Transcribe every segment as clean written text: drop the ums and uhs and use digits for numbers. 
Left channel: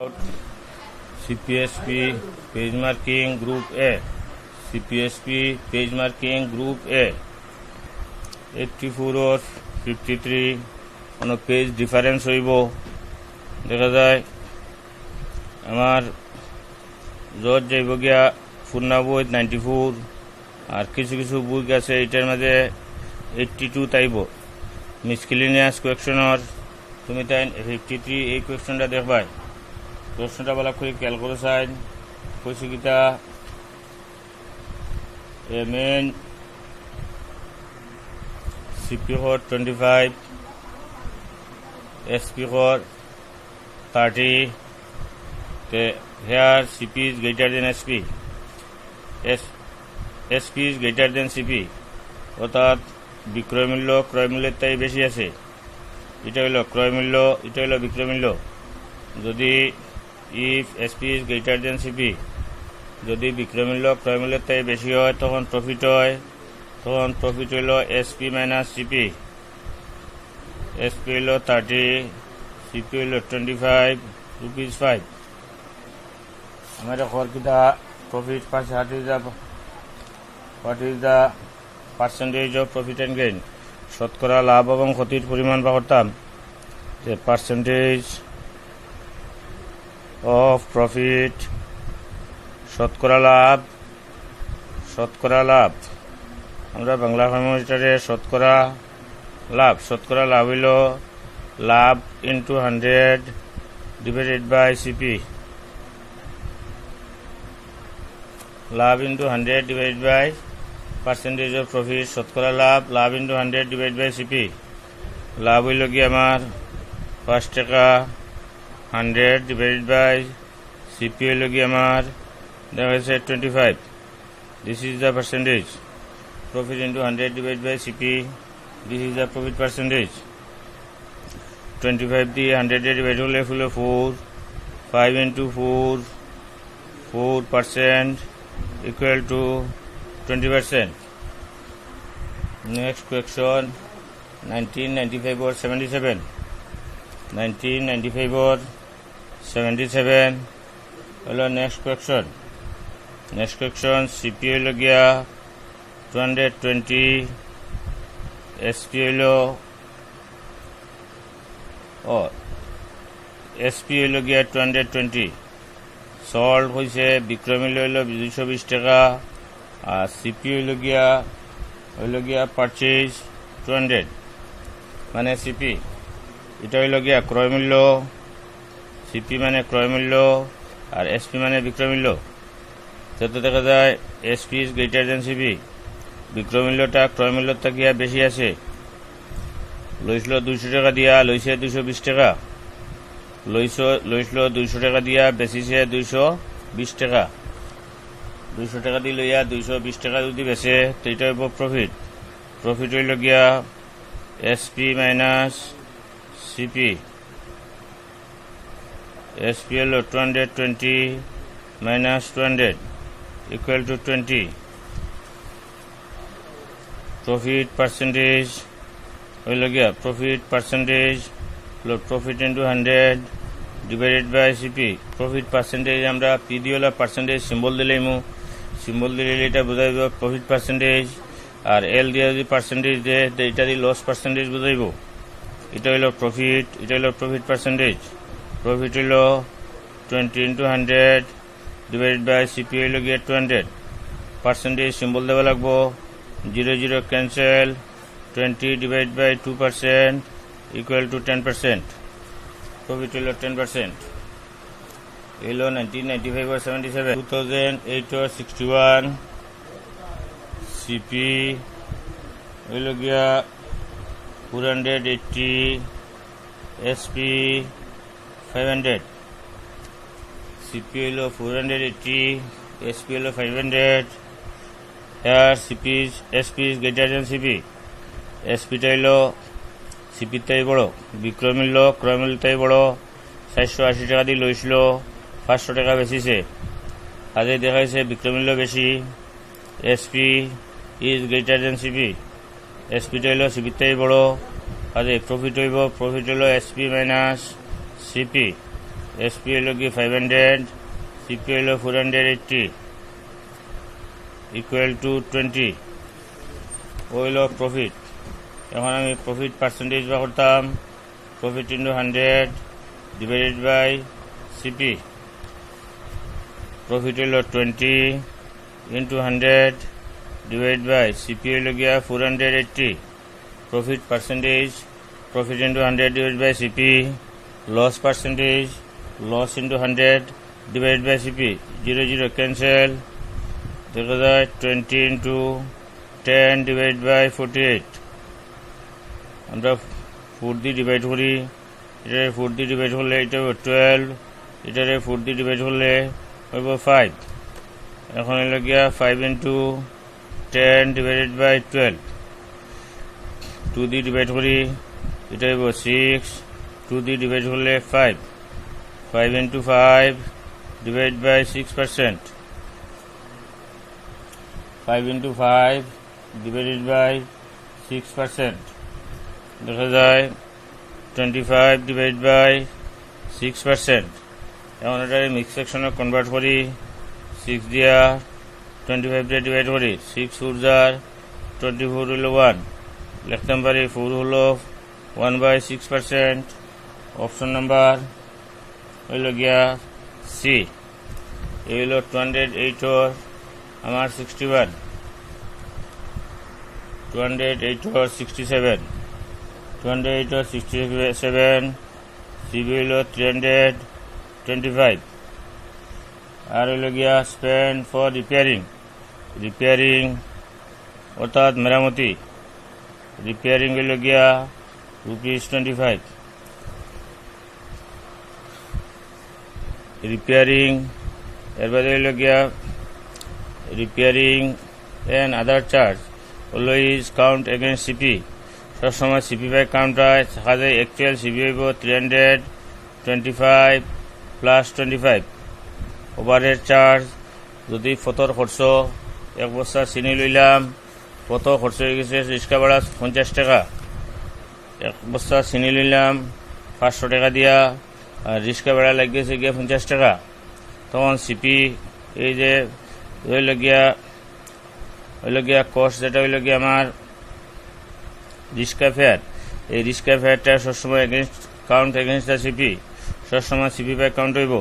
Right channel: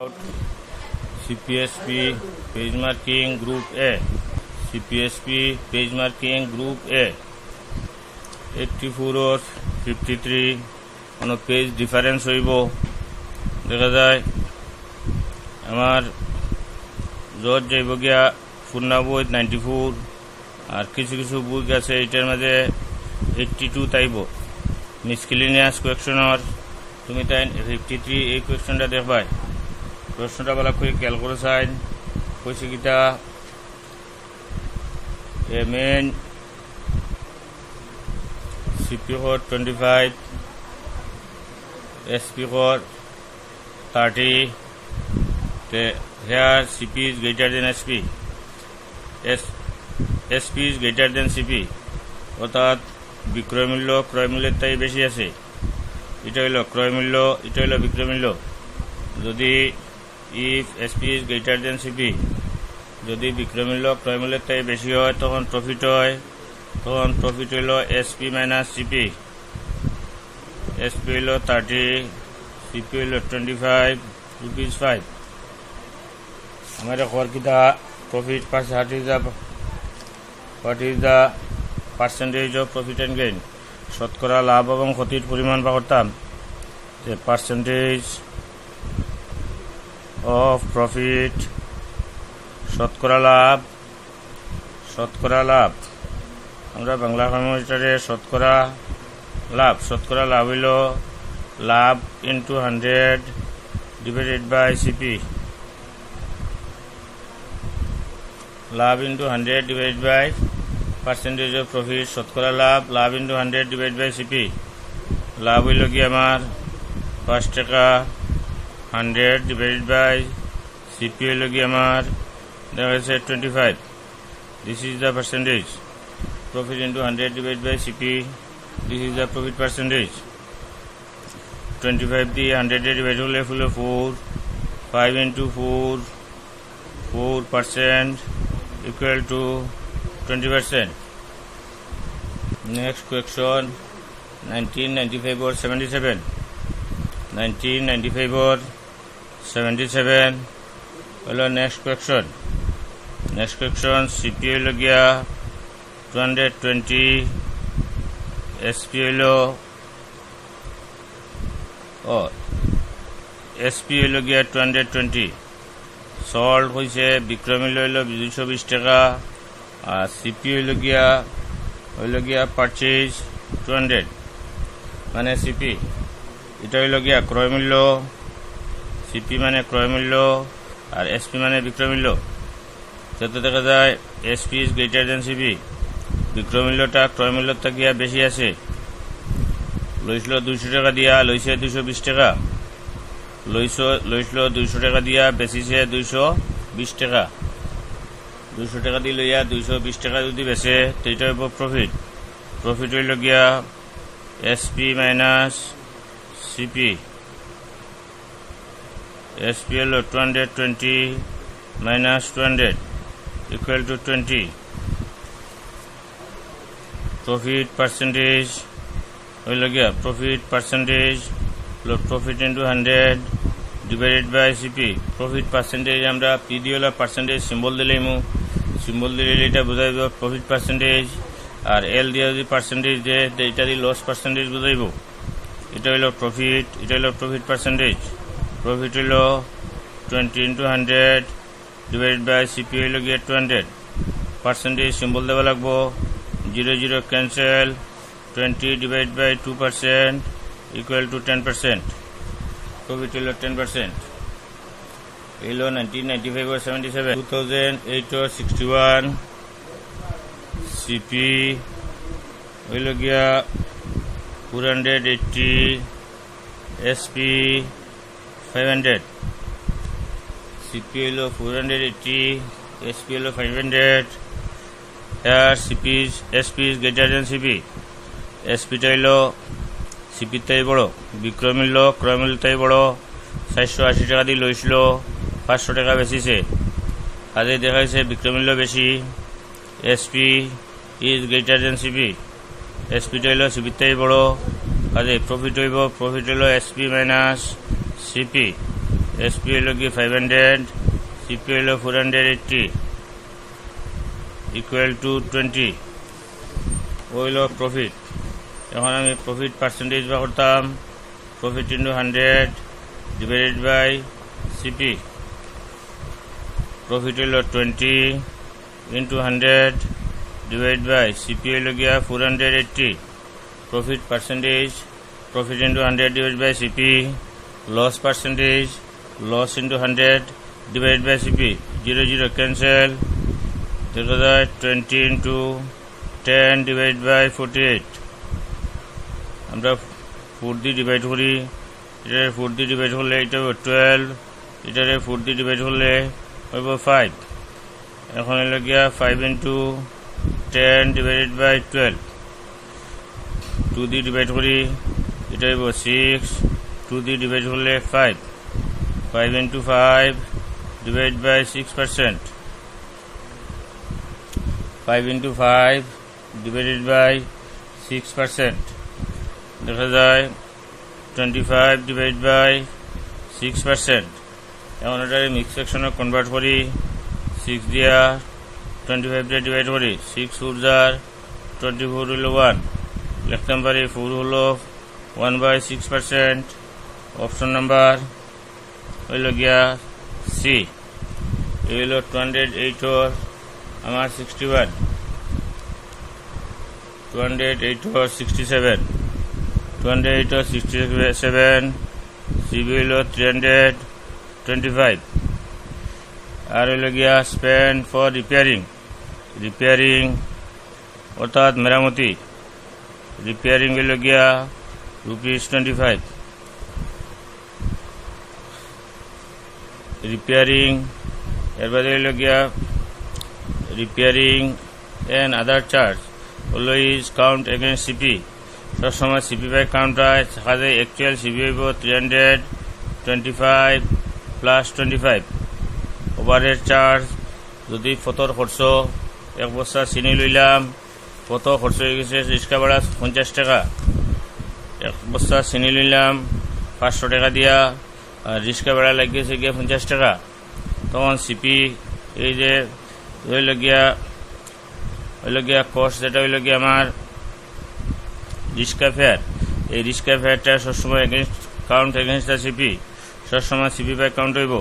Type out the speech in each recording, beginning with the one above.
CPSP page marking group A. CPSP page marking group A. 84 or 53 on a page difference হইব দেখা যায় আমার জোর যাইব গিয়া পূর্ণাবই 94 আর কিছু কিছু বুক আছে এটার মধ্যে 82 তাইব মিসকেলিনিয়াস কোয়েকশনের তুমি তাই 53 এই কোয়েকশনটা দেখবাই প্রশ্নটা ভালো করে খেয়াল করে চাইন কইছে কিটা এ main CP code 25 SP code 30 here CP is greater than SP SP is greater than CP অর্থাৎ বিক্রয় মূল্য ক্রয় মূল্যের তাই বেশি আছে এটা হলো ক্রয় মূল্য এটা হলো বিক্রয় মূল্য যদি if SP is greater than CP যদি বিক্রয় মূল্য ক্রয় মূল্যের তাই বেশি হয় তখন প্রফিট হয় তখন প্রফিট হলো SP মাইনাস CP SP হলো 30 CP হলো 25 rupees 5 हमारे और किता profit what is the percentage of profit and gain শতকরা লাভ এবং ক্ষতির পরিমাণ বা করতাম the percentage of profit শতকরা লাভ আমরা বাংলা কম্পিউটারে শতকরা লাভ হইল লাভ ইনটু 100 ডিভাইডেড বাই CP লাভ into 100 divided by percentage of profit শতকরা লাভ ইনটু 100 ডিভাইড বাই CP লাভ হইল কি আমার 5 টাকা 100 ডিভাইডেড বাই CP হইল কি আমার দেখা যাচ্ছে 25 this is the percentage profit into 100 divided by CP this is the profit percentage 25 the 100 divided hole full 4 5 into 4% equal to 20%. Next question 1995 or 77 1995 or 77 hello next question CP holo gya 220 SP হলো SP হলো গিয়া 220 salt হয়েছে বিক্রয় মূল্য হইল 220 টাকা আর CP হইল গিয়া পারচেজ 200 মানে CP এটা হইল গিয়া ক্রয় মূল্য CP মানে ক্রয় মূল্য আর SP মানে বিক্রয় মূল্য যাতে দেখা যায় SP is greater than CP বিক্রয় মূল্যটা ক্রয় মূল্যের থেকে বেশি আছে লইছিল 200 টাকা দিয়া লইছে 220 টাকা লইছিল 200 টাকা দিয়া বেচিছে 220 টাকা 200 টাকা দিয়ে লইয়া 220 টাকা যদি বেচে সেইটা হইব প্রফিট হইল গিয়া SP মাইনাস CP SP হলো 220 minus 200 equal to 20 profit percentage হইল গিয়া profit percentage profit into 100 divided by CP profit percentage আমরা P দিয়ে হলো percentage সিম্বল দিলেইমু সিম্বল দিলে এটা বুঝাইব profit percentage আর L দিয়ে যদি percentage দেয় এটা দি loss percentage বুঝাইব এটা হলো profit profit percentage profit হলো 20 into 100 divided by CP হইল গিয়া 200 percentage সিম্বল দেওয়া লাগবো 0 cancel 20 divided by 2% equal to 10% profit হইল 10% হইল 1995 or 77 2008 or 61 CP হইল গিয়া 480 SP 500 CP হইল 480 SP হইল 500 here SP is greater than CP SP টা হইল CP তাই বড় বিক্রয় মূল্য ক্রয় মূল্য তাই বড় 480 টাকা দিয়ে লইছিল 500 টাকা বেচিছে আজে দেখাইছে বিক্রয় মূল্য বেশি SP is greater than CP SP টা হইল CP তাই বড় আজে প্রফিট হইল SP মাইনাস CP এসপি হলো গিয়ে 500, সিপি হলো 480 ইকুয়াল টু 20 হইল প্রফিট। এখন আমি প্রফিট পার্সেন্টেজ বা করতাম profit into 100 divided by CP. Profit হলো 20 ইন্টু 100 ডিভাইড বাই সিপি হইল গিয়া 480। Profit percentage profit into 100 divide by CP. Loss percentage loss into 100 divide by CP. 0 0 cancel, দেখা যায় 20 ইন্টু 10 ডিভাইড বাই 48। আমরা 4 দিয়ে ডিভাইড করি, এটারে 4 দিয়ে ডিভাইড করলে এটা হবে 12, এটারে 4 দিয়ে ডিভাইড করলে হইব 5। এখন হইল গিয়া 5 ইন্টু 10 ডিভাইডেড বাই 12। 2 দিয়ে ডিভাইড করি, এটা হইব 6, 2 দিয়ে ডিভাইড করলে 5। 5 into 5 divide by 6%। 5 into 5 divided by 6%, দেখা যায় 25 ডিভাইড বাই 6%। এখন এটা মিক্স সেকশনে কনভার্ট করি, 6 দিয়া 25 দিয়ে ডিভাইড করি, 6 4 যার 24 হলো 1, লিখতাম পারি 4 হলো 1/6%। অপশন নাম্বার হইল গিয়া সি। এই হইল 208 আমার 61, 208 67, 208 67, সিবি হইল 325। আর হইল গিয়া স্পেন্ড ফর রিপেয়ারিং অর্থাৎ মেরামতি। রিপেয়ারিং হইল গিয়া ₹25। রিপেয়ারিং এর বাদে হইল গিয়া repairing and other charge always count against CP. সবসময় সিপি বাই কাউন্ট হয়, দেখা যায় অ্যাকচুয়াল সিপি হইব 325 প্লাস 25। ওভারহেড চার্জ যদি ফতর খরচ 1 বস্তা চিনি লইলাম, কত খরচ হয়ে গেছে রিক্সা ভাড়া 50 টাকা। 1 বস্তা চিনি লইলাম 500 টাকা দিয়া, আর রিক্সা ভাড়া লাগিয়েছে গিয়া 50 টাকা। তখন সিপি এই যে হইল গিয়া কস্ট, যেটা হইল গিয়া আমার রিক্সা ফেয়ার, এই রিক্সা ফেয়ারটা সবসময় কাউন্ট এগেন্স্ট দ্য সিপি। সবসময় সিপি বাই কাউন্ট হইব,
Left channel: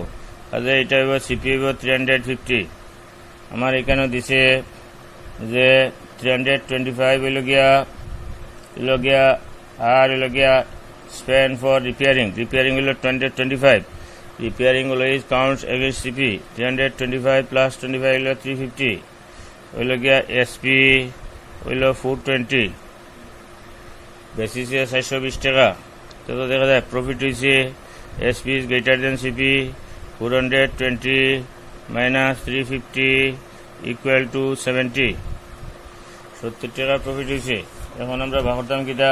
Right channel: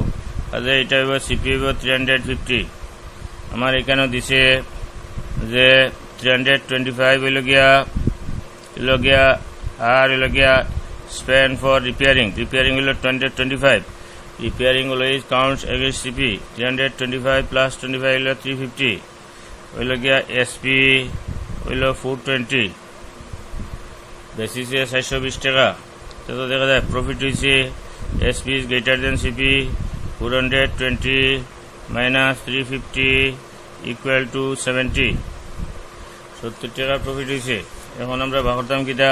তাহলে এটা হইব সিপি হইব 350। আমার এখানেও দিছে যে 325 হইল গিয়া আর হইল গিয়া স্পেন্ড ফর রিপেয়ারিং হইল 225। Repairing always counts against CP. 325 plus 25 হইল 350। হইল গিয়া এসপি হইল 420, বেসিসে 420 টাকা। তো দেখা যায় প্রফিট হয়েছে SP is greater than CP, 420 minus 350 equal to 70 টাকা প্রফিট হয়েছে। এখন আমরা ভাগ করতাম কিটা,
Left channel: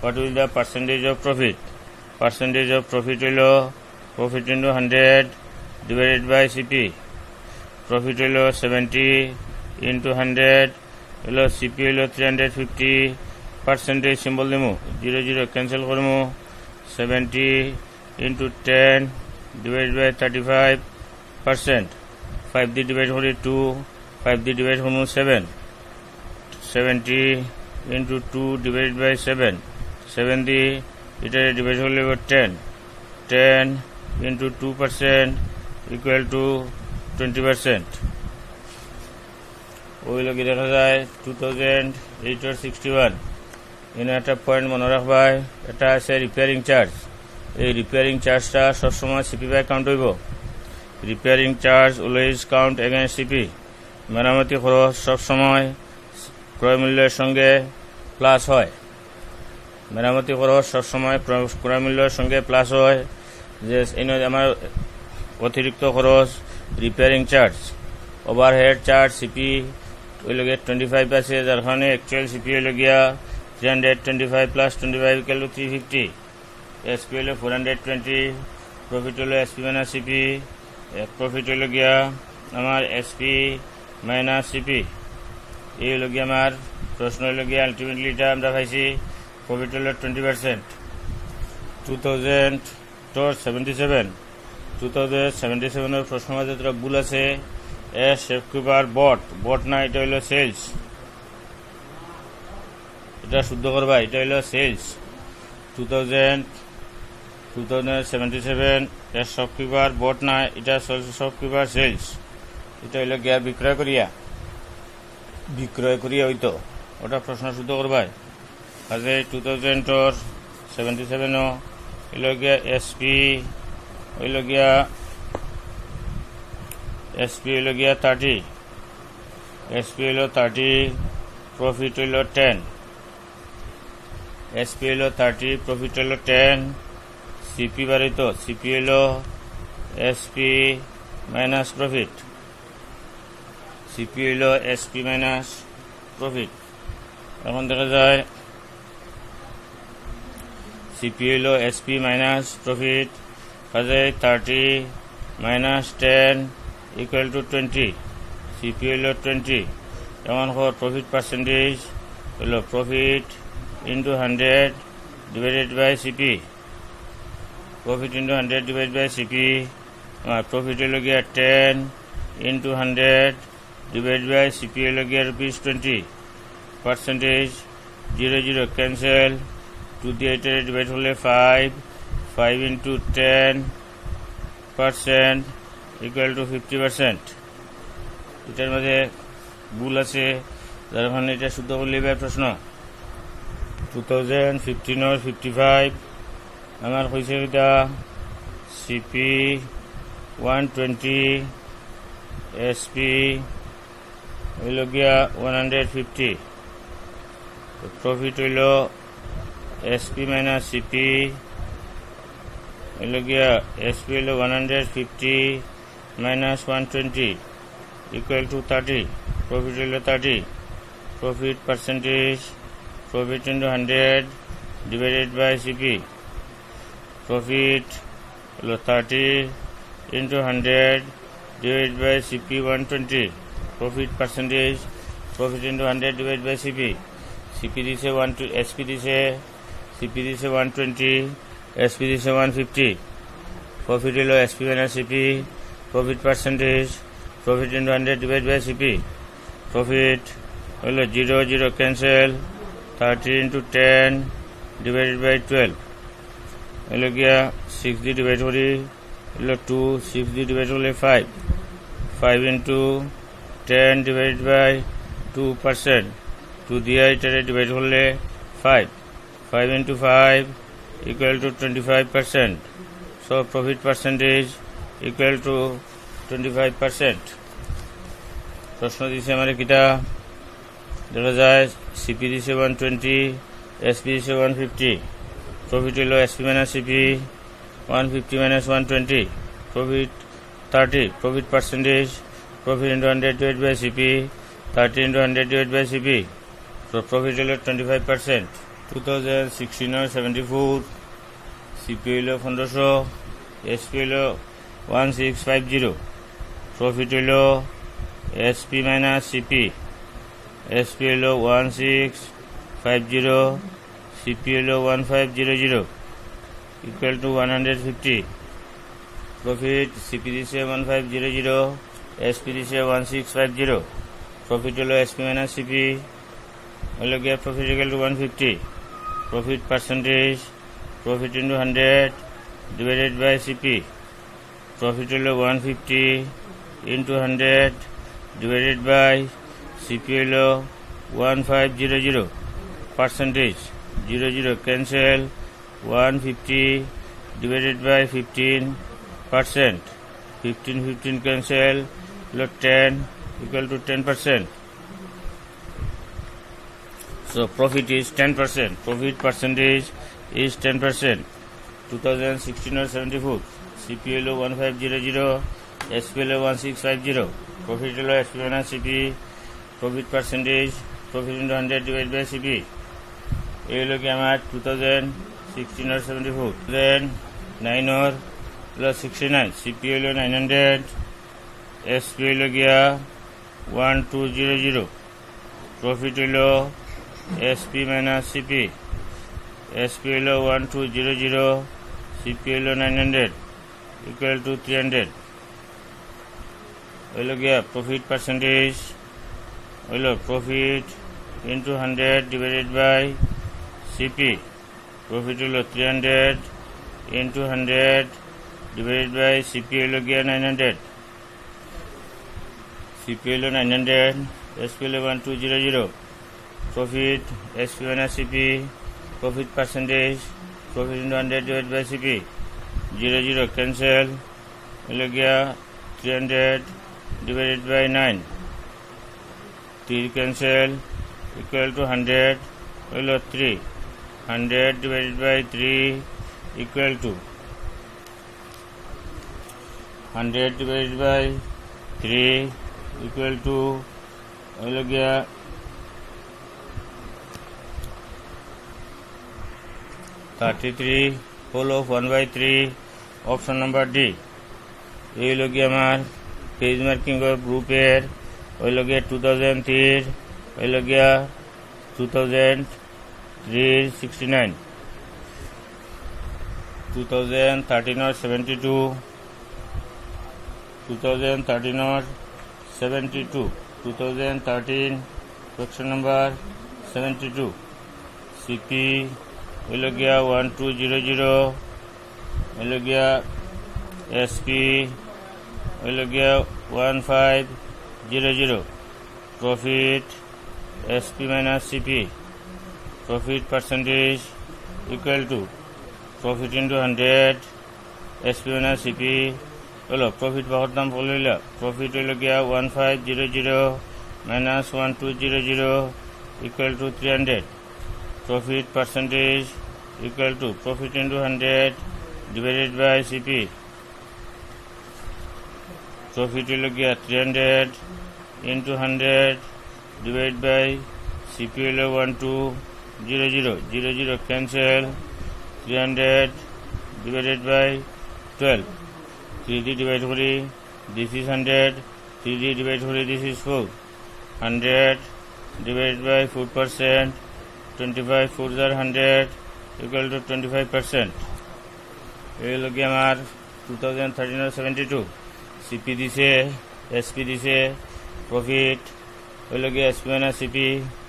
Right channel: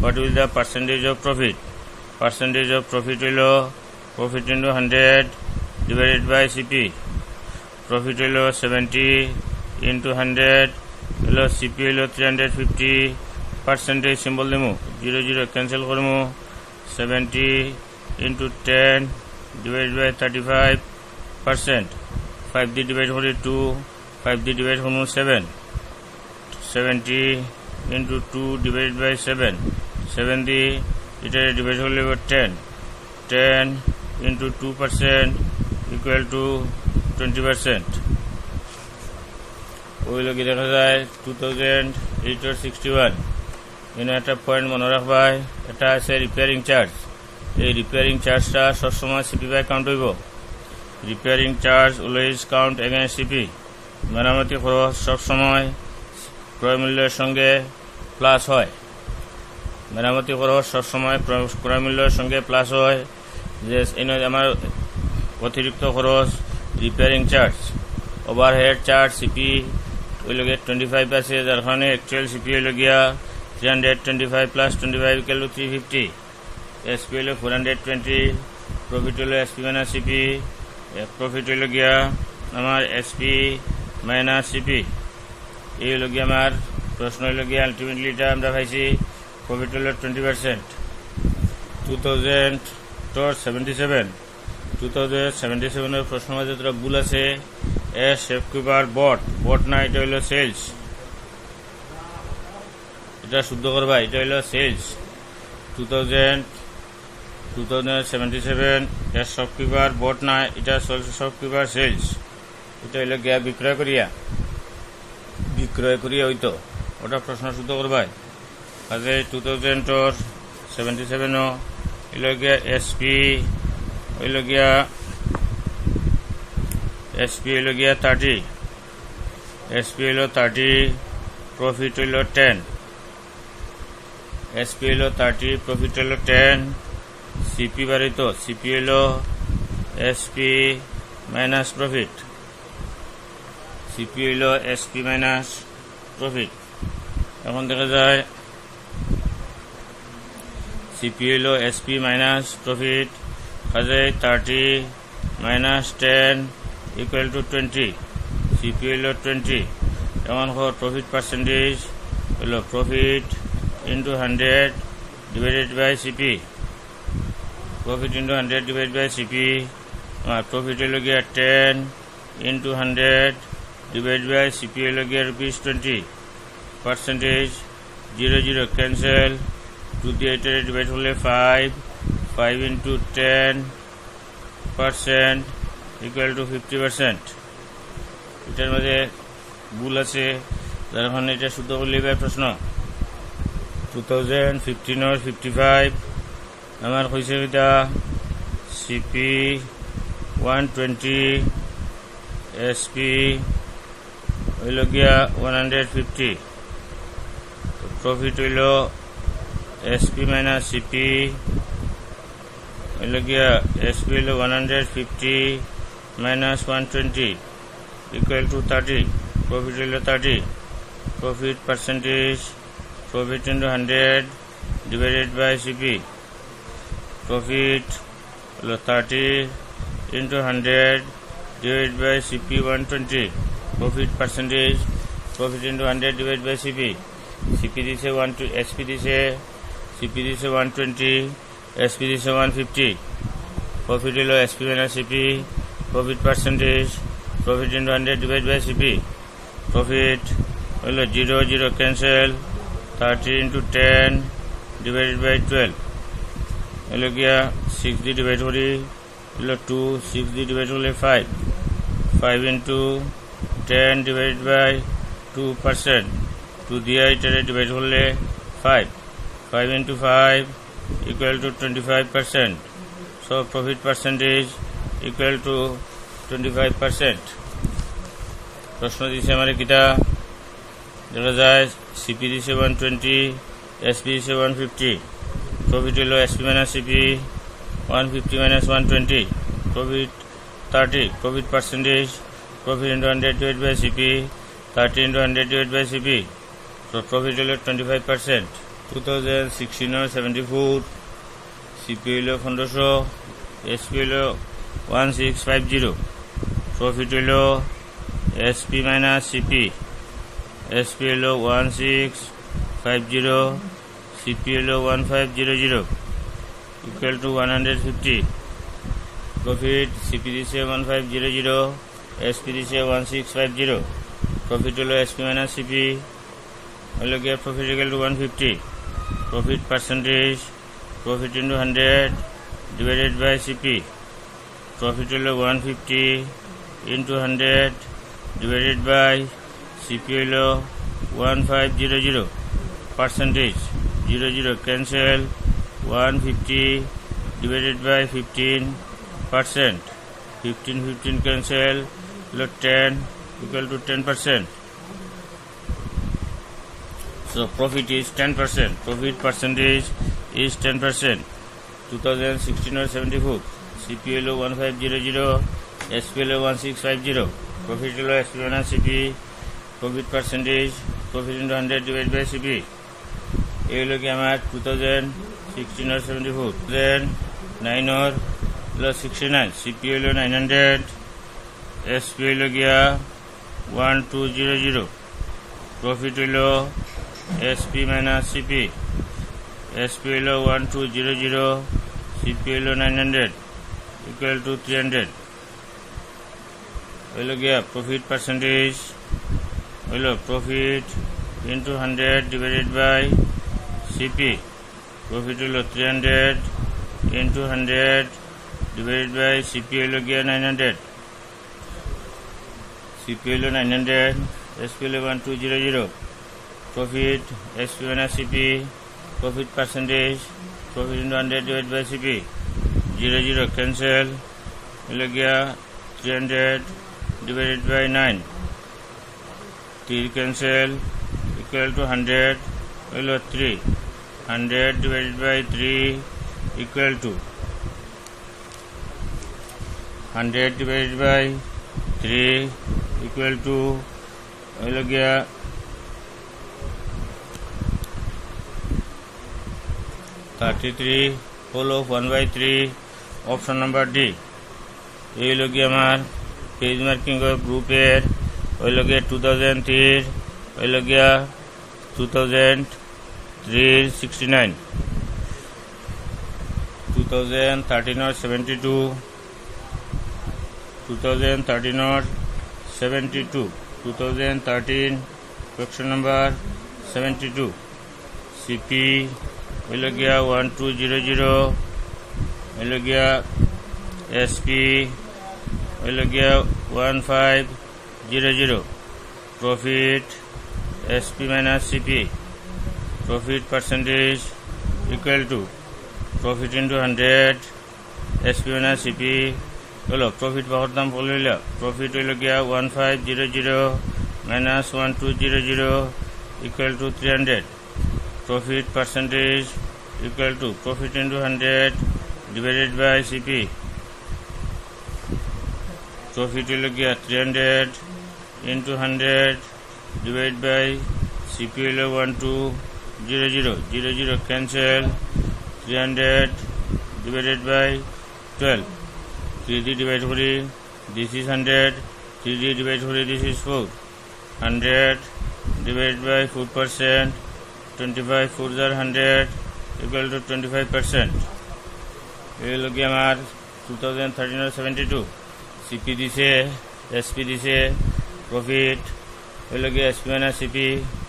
what will the percentage of profit. Percentage of profit হইল profit into 100 divided by CP. Profit হইল 70 ইন্টু 100 হইল সিপি হইল 350। পার্সেন্টেজ সিম্বল দিমু, 0 0 ক্যান্সেল করমু, 70 ইন্টু 10 ডিভাইড বাই 35%। 5 দিয়ে ডিভাইড করি 2, 5 দিয়ে ডিভাইড করমু 7, 70 ইন্টু 2 ডিভাইড বাই 7, 7 দিয়ে এটা ডিভাইড করলে 10 ইন্টু 2% ইকুয়াল টু 20%। ওই লোক দেখা যায় 2008-61। এখানে একটা পয়েন্ট মনে রাখবাই, এটা আছে রিপেয়ারিং চার্জ। এই রিপেয়ারিং চার্জটা সবসময় সিপি বাই কাউন্ট হইব। Repairing charge always count against CP. মেরামতি খরচ সবসময় ক্রয় মূল্যের সঙ্গে প্লাস হয়। মেরামতি খরচ সবসময় ক্রয় মূল্যের সঙ্গে প্লাস হয়। যে আমার অতিরিক্ত খরচ repairing charge. Overhead charge CP ওই লগে 25 আছে, যার কারণে অ্যাকচুয়াল সিপি হইল গিয়া 325 প্লাস 25 ইকুয়াল টু 350। এসপি হইল 420, প্রফিট হইল এসপি মাইনাস সিপি। প্রফিট হইল গিয়া আমার এসপি মাইনাস সিপি। এই হইল গিয়া আমার প্রশ্ন হইল গিয়া আলটিমেটলি এটা আমরা পাইছি প্রফিট হইল 20%। 2077 2077 প্রশ্ন মাঝে তোরা ভুল আছে। শেপকিপার বট না, এটা হইল সেলস। এটা শুদ্ধ করবা, এটা হইল সেলস। 2077 শপকিপার বট না, এটা শপকিপার সেলস। এটা হইল গিয়া বিক্রয় করিয়া হইতো, ওটা প্রশ্ন শুদ্ধ করবাই। আজকে 2077 হইল গিয়া এসপি হইল গিয়া 30, এসপি হইল 30, প্রফিট হইল 10, এসপি হইল 30, প্রফিট হইল 10, সিপি বাড়িত, সিপি হইল এসপি মাইনাস প্রফিট, সিপি হইল এসপি মাইনাস প্রফিট। এখন দেখা যায় সিপি হইল এসপি মাইনাস প্রফিট, কাজে 30 মাইনাস 10 ইকুয়াল টু 20, সিপি হইল 20। এমন প্রফিট পার্সেন্টেজ হইল profit into 100 divided by CP, profit into 100 divide by CP. Profit হইল গিয়া 10 ইন্টু 100 ডিভাইড বাই সিপি হইল গিয়া ₹20। পার্সেন্টেজ 0 ক্যান্সেল, 2 দিয়ে ডিভাইড হলে 5 ইন্টু 10% ইকুয়াল টু 50%। এটার মধ্যে ভুল আছে, যার কারণে এটা শুদ্ধ করলে এবার প্রশ্ন। 2015 55 আমার কইছে এটা সিপি 120, এসপি হইল গিয়া 150, প্রফিট হইল এসপি মাইনাস সিপি হইল গিয়া এসপি হইল 150 মাইনাস 120 ইকুয়াল টু 30, প্রফিট হইল 30। Profit percentage profit into 100 divided by CP, profit হল 30 into 100 divide by CP 120। Profit percentage profit into 100 divide by CP, CP দিছে 120, SP দিছে, সিপি দিছে 120, SP দিছে 150। Profit হল SP minus CP, profit percentage profit into 100 divide by CP, profit হল 0 cancel, 30 into 10 divided by 12 হলো গিয়া 6 দিয়ে divide করি হলো 2, 6 দিয়ে ডিভাইড করলে 5 ইন্টু 10 ডিভাইড বাই 2%, 2 দিয়ে এটারে ডিভাইড করলে 5 into 5 equal to 25%। So profit percentage equal to 25%। প্রশ্ন দিছে আমার কিটা দেখা যায় সিপি দিছে 120, এসপি দিছে 150, প্রফিট হলো SP minus CP 150 minus 120, profit 30, profit percentage profit into 100 divide by CP, 30 into 100 divide by CP, তো প্রফিট হলো 25%। 2016 74 সিপি হইল 1500, এসপি হইল 1650, প্রফিট হইল এসপি মাইনাস সিপি, এসপি হইল 1650, সিপি হইল 1500 ইকুয়াল টু 150। প্রফিট সিপি দিছে 1500, এসপি দিছে 1650, প্রফিট হলো এসপি মাইনাস সিপি হলো গিয়ে profit equal to 150। Profit percentage profit into 100 divided by CP, profit হলো 150 ইন্টু 100 ডিভাইডেড বাই সিপি হলো 1500, percentage 0 cancel, 150 divided by 15%, 15 cancel হলো 10 equal to 10%. So profit is 10%. Profit percentage is 10%. 2016 or 74. CPLO 1500, SPLO 1650. Profit below SPLO and CP. Profit percentage, profit into 100 divided by CP. ये लोग हमारे 2016 और 74. Then 9 और plus 69. CPLO 900. SPLO गया 1200. Profit below SP minus CP. SPLO 1200, CPLO 900. equal to 300 হইলো গিয়া profit percentage হইলো profit into 100 divided by CP profit হইলো 300 ইন্টু 100 ডিভাইডেড বাই সিপি হইলো গিয়া 900 সিপি হইলো 900 এসপি হইলো 1200 profit SP minus CP profit percentage profit into 100 divided by CP 00 cancel হলো গিয়া 300 divided by 9 3 cancel equal to 100 হলো 3 100 divided by 3 equal to 100 divided by 3 equal to হলো গিয়া 33 whole of 1/3 option number D এই হলো গিয়ে আমার পেজ মার্কিং গ্রুপের হইল গিয়ে 2003 হইল গিয়া 2003 69 2013 or 72 2013 or 72 2013 question number 72 CP হইল গিয়া 1200 হইল গিয়া SP হইল গিয়া 1500 profit SP minus CP profit percentage equal to profit into 100 SP minus CP হলো প্রফিট পাওয়ার দাম বলল প্রফিট হইল গিয়া 1500 minus 1200 equal to 300 profit percentage equal to profit into 100 divided by CP profit will get 300 into 100 divided by CP will 1200 cancel 300 divided by 12 3D divided by this is 100 3D divided by this is 4 100 divided by 4% 25 4s are 100 equal to 25% এই লগে আমার 2013 72 CP দিছে SP দিছে profit ওই লগে SP না CP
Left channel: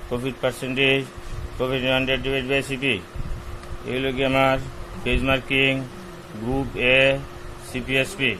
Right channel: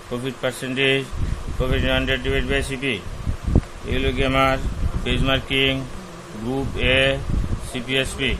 profit percentage profit 100 divide by CP এই লগে আমার পেজ মার্কিং গ্রুপ এ সিপিএসপি